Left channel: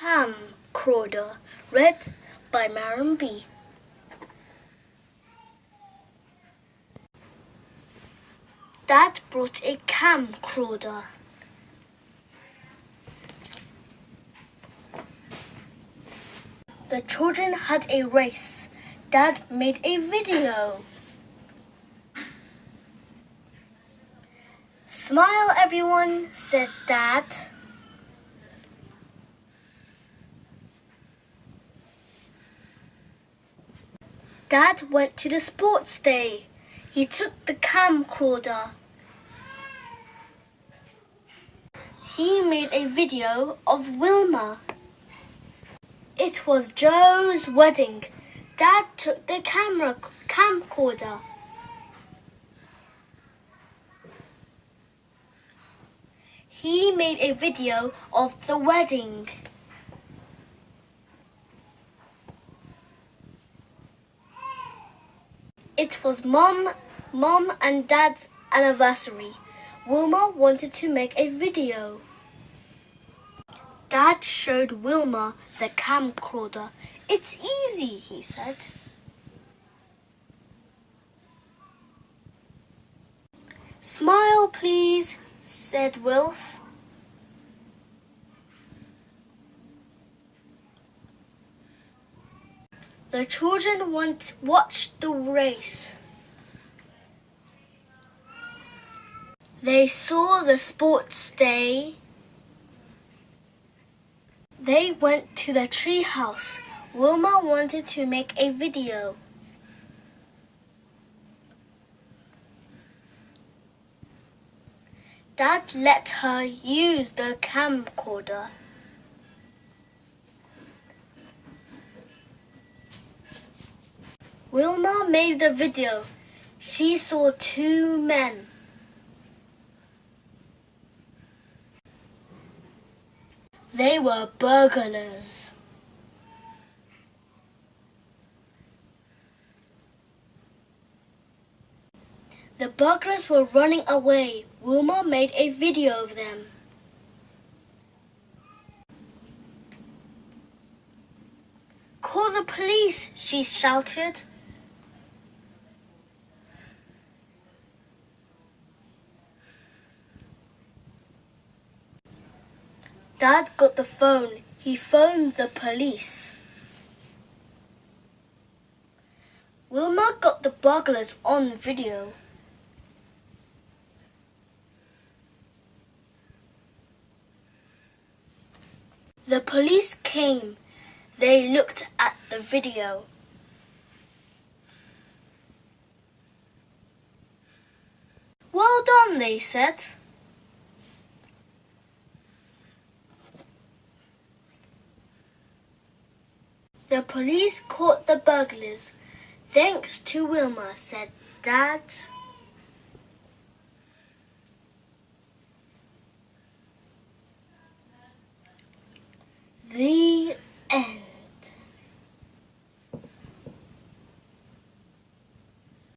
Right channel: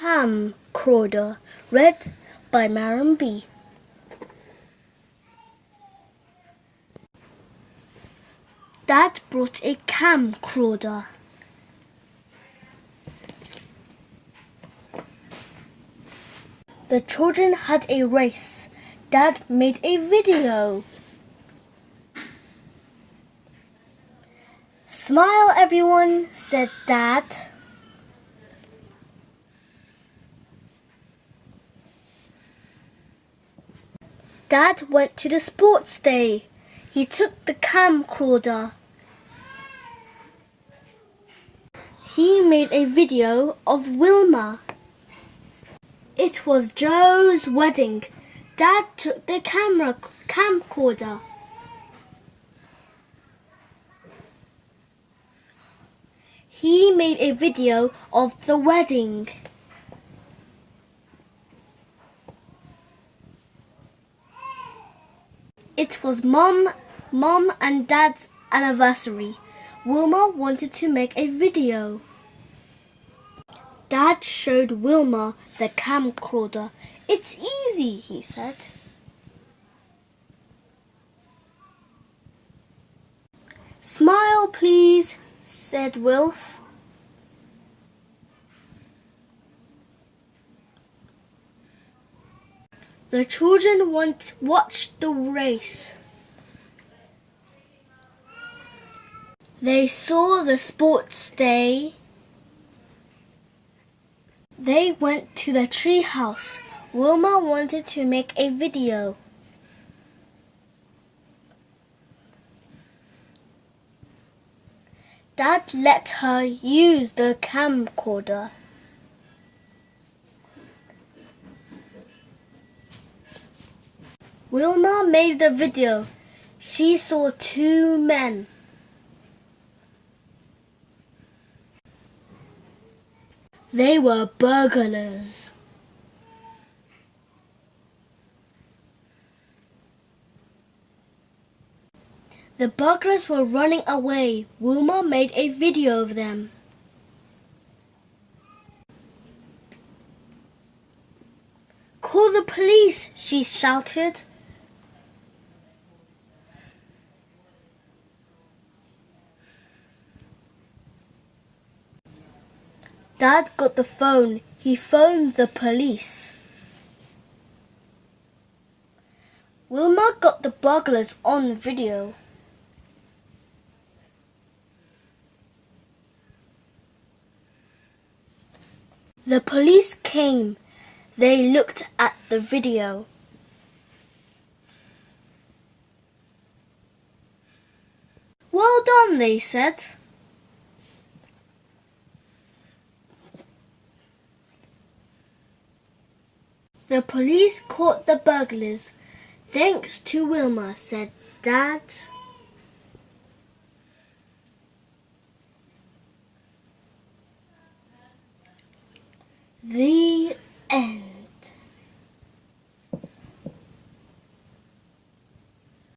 Camcorder, read by Maryam.B. Dad brought a camcorder. The children had a race. Dad made a video. "Smile, everyone," said Dad. Dad went to the sports day. He took the camcorder. He made a video of Wilma. It was Joe's wedding. Dad took the camcorder. He made a video of the wedding. It was Mom and Dad's anniversary. Wilma wanted to make a video. Dad showed Wilma the camcorder. "It's easy," he said. "Smile, please," said Wilf. The children watched the race. They saw the sports day. They went to the tree house. Wilma wanted to make a video. Dad let her use the camcorder. Wilma made the video. She saw two men. They were burglars. The burglars were running away. Wilma made a video of them. "Call the police," she shouted. Dad got the phone. He phoned the police. Wilma got the burglars on video. The police came. They looked at the video. "Well done," they said. The police caught the burglars. "Thanks to Wilma," said Dad. The